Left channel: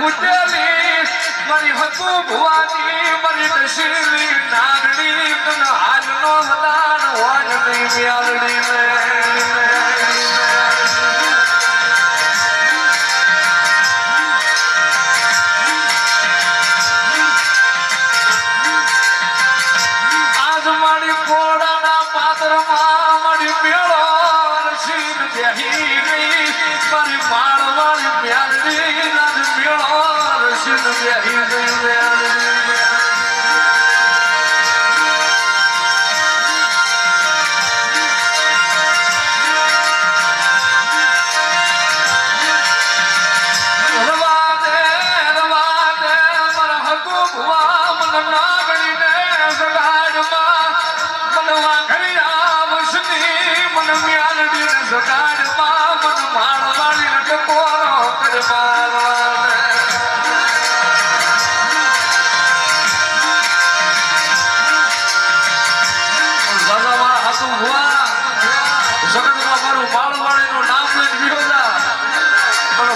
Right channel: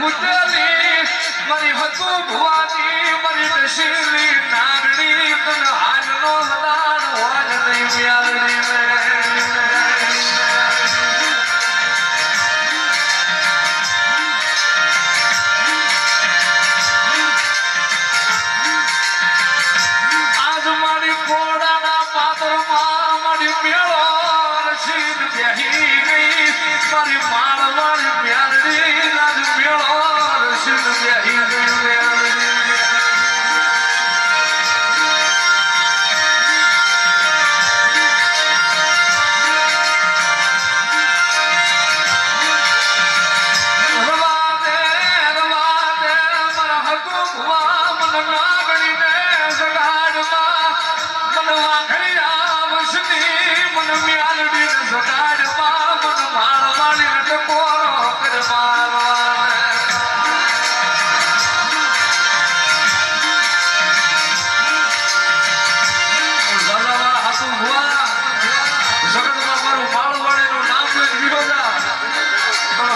હુતેલી મારી હતું ભુવાની મારી દશેલી નાગડી તન હાલનો હદાન વાજ નહીં મ્યાલડી જગાડમાં મન માણવાની કોરો કરવા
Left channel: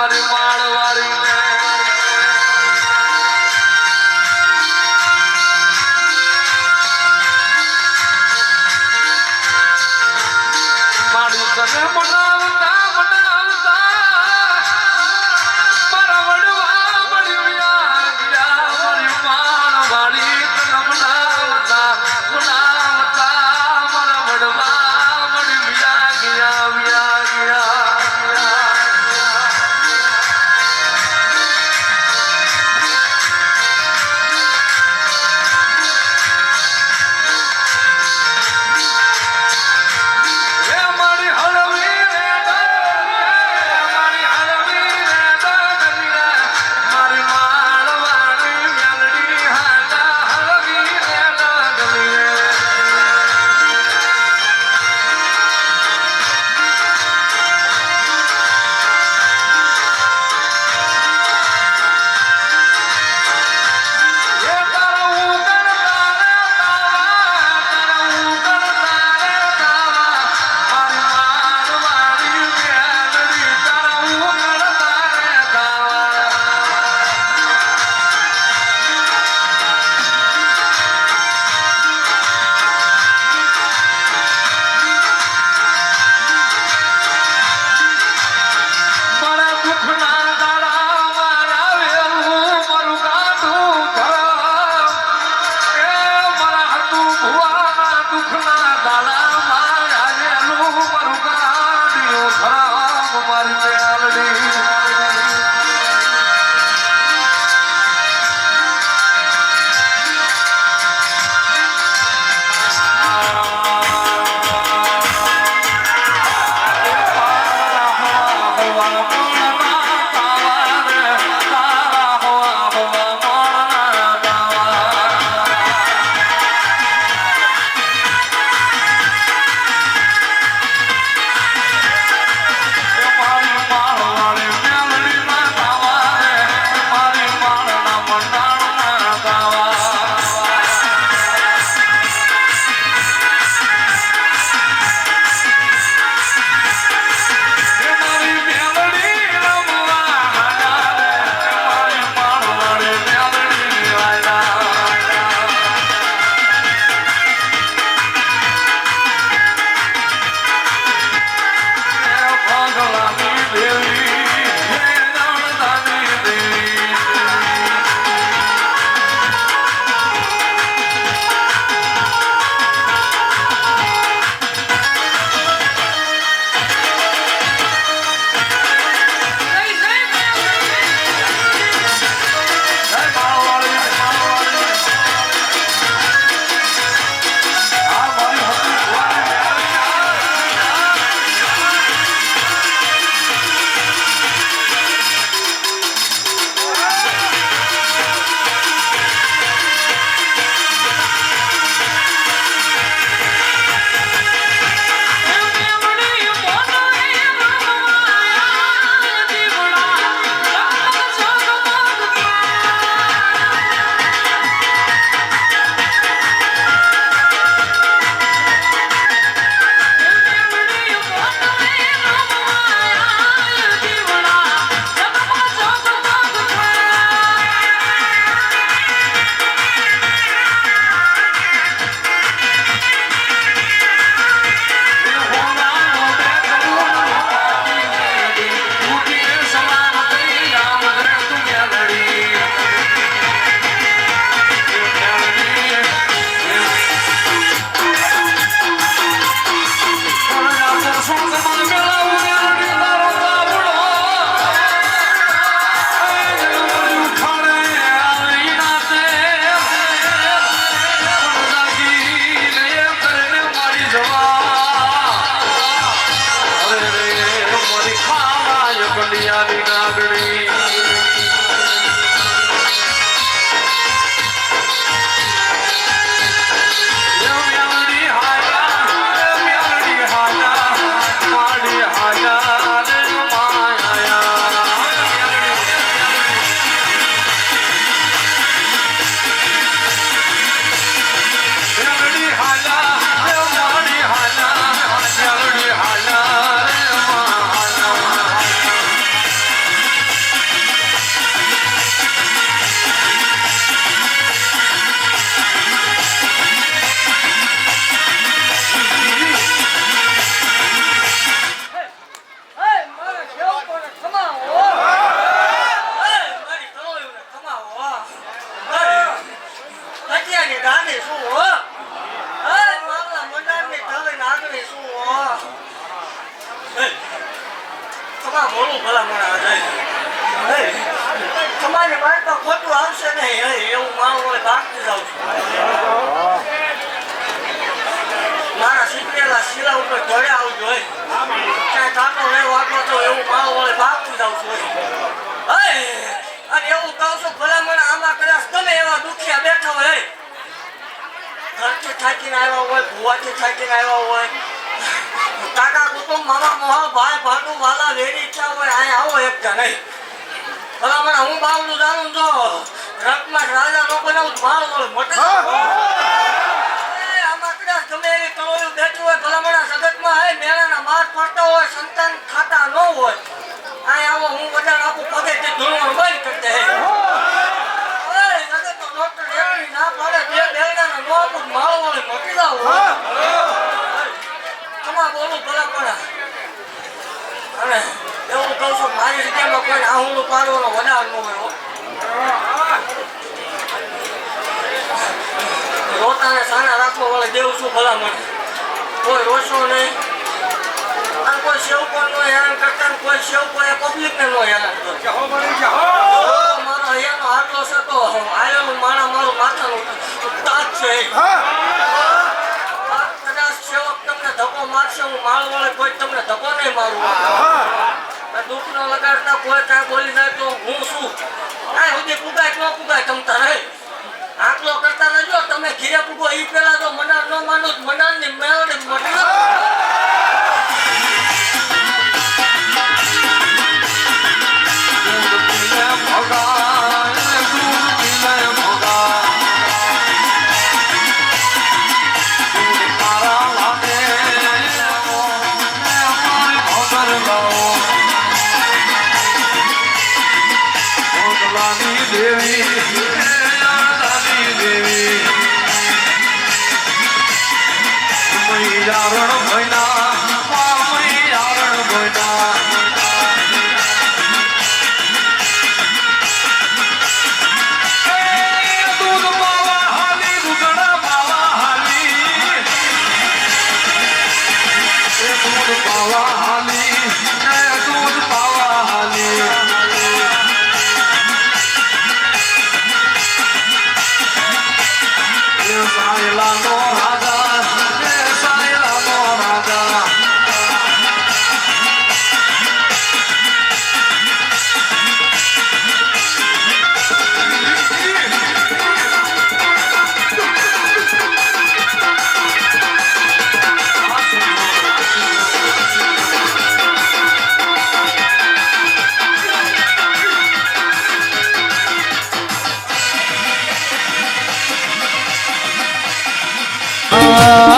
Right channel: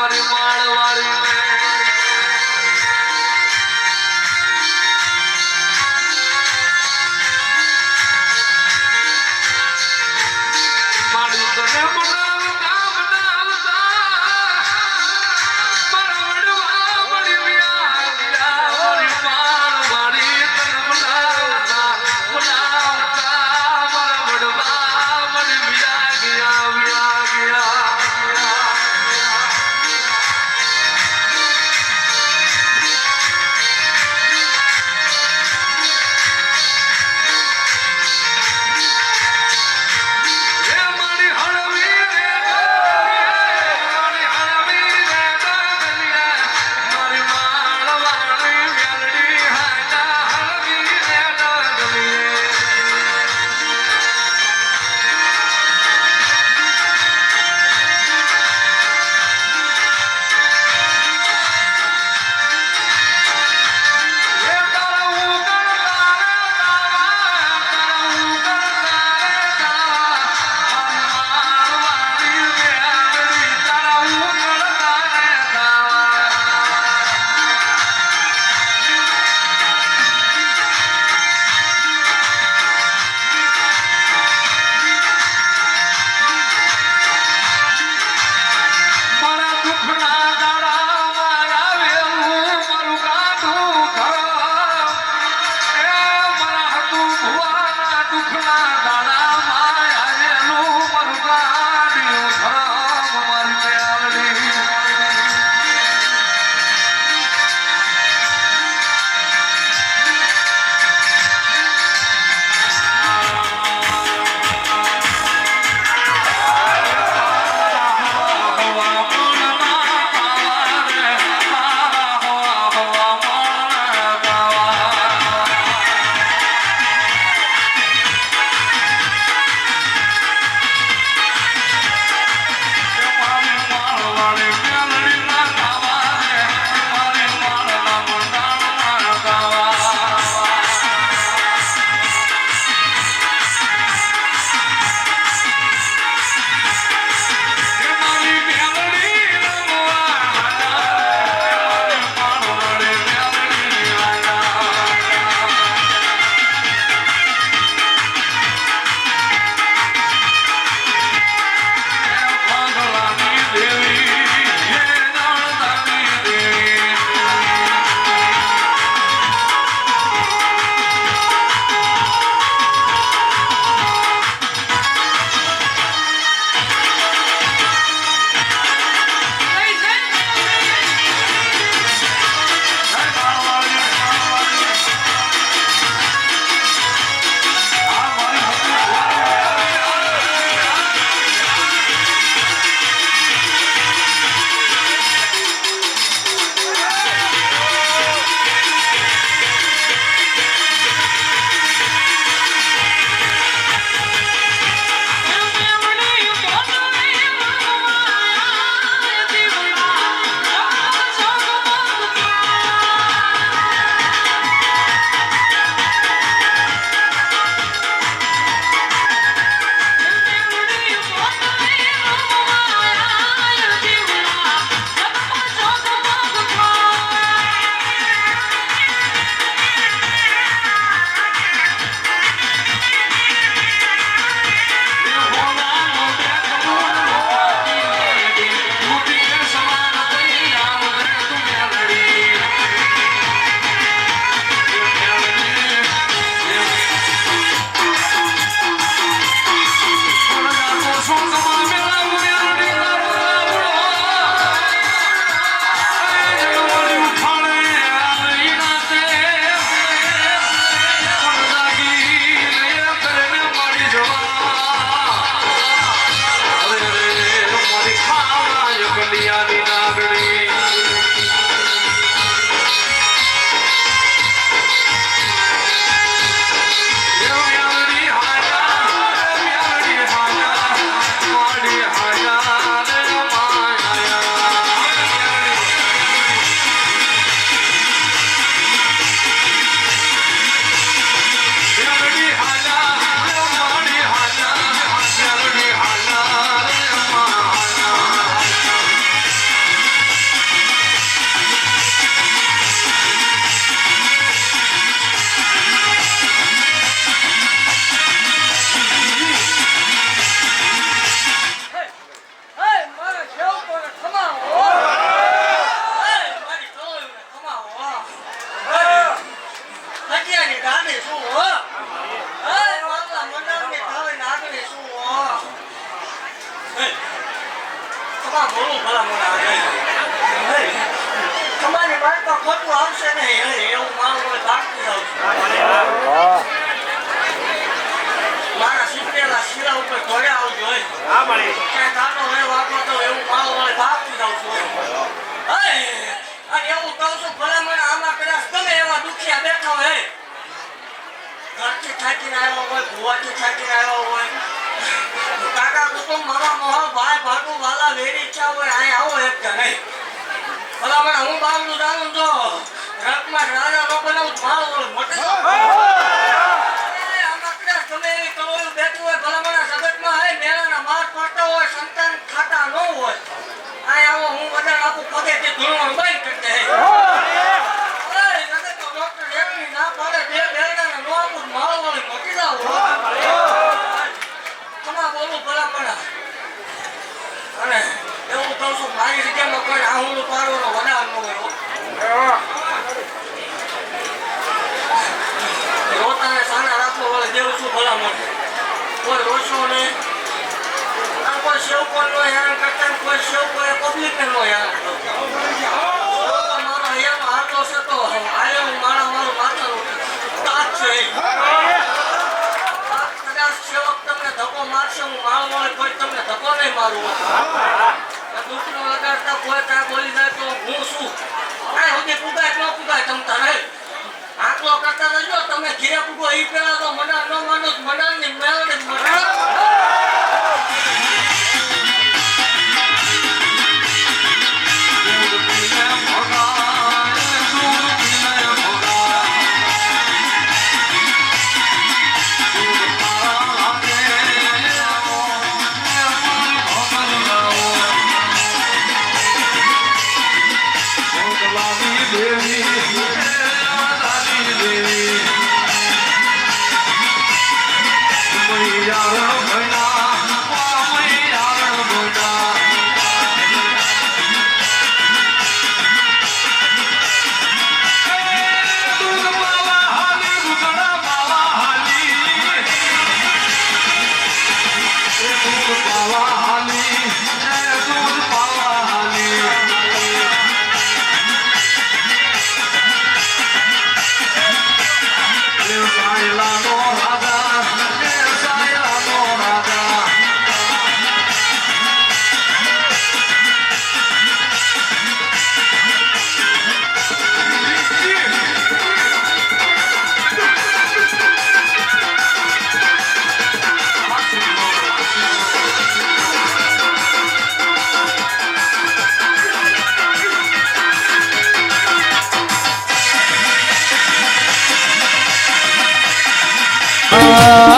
honey, my love. Calvary. ભુવાથી થાકીને આવ્યા હોય. કાકા કુટુંબ મામા મોહા ભાઈ ભાટુ વાલા વેરી ઈચ્છા હોય અહીંયા આવો એક જણ. ભલામણ હું બાવલું જાણું તો રથમાં રાજા નો બનાવું મારું મોટે આમાં કદાચ ગમે એવી કળોયું બેઠું હોય ભલામણ આ જગતમાં હે મેળાના માર પડતા હોય સંતાન ખાતા ન હોય. અહીં આવો હું બધા આપું પગે તે ધૂળવાનું બંધ કરી દે ઓય, જગતનો ડોક્ટર એકની ના પાડે, બે બેરડાના નો આપું, માળો વાળી મોટી જાવ, હો. તમારે બોલું ભલામણ. અને એવું કહું છું, મારી રીતેમાં કોઈ આહુડું પાડવાનો વધાર ન હોય, હો. રોતાને સાના રાખવો વળે દેવું છું ભલામણ કોઈ રોશો નહીં. અને કોઈ સેવકો નો હેરાન કરતા કોઈ સેવકો એ પબ્લિક ને હેરાન કરતા મારો અહીંયાનો હાથો છે તો આયેલું મારા મારું માથાનું તાજ છે કદાચ સેવક તમને ધક્કો મારશે, હું મારો વળે કોઈ તમને ધક્કો નહીં મારું. દુઃખ ન લગાડતા કોઈ કાંઈ બોલી જાય તો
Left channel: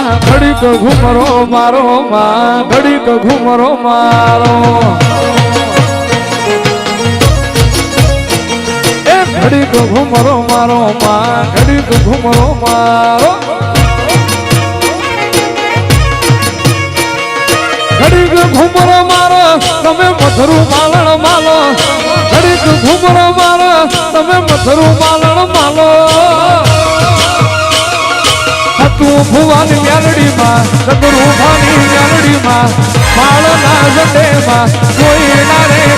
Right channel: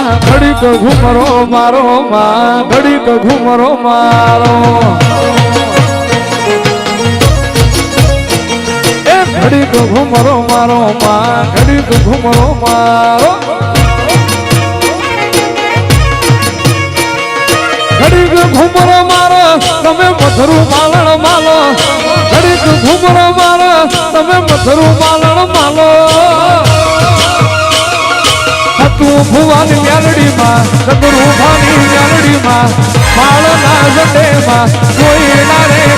આ ઘડીક ઘુમરો મારો માં, ઘડીક ઘુમરો મારો. એ ઘડીક ઘુમરો મારો માં, ઘડીક ઘુમરો મારો. ઘડીક ઘુમરો મારો, તમે મથરું માલણ માલો. ઘડીક ઘુમરો મારો, તમે મથરું માલણ માલો. તું ભુવાની મ્યાલડીમાં સદરૂભાની ભાની મ્યાલડીમાં માળના જટેમાં કોઈ ના રે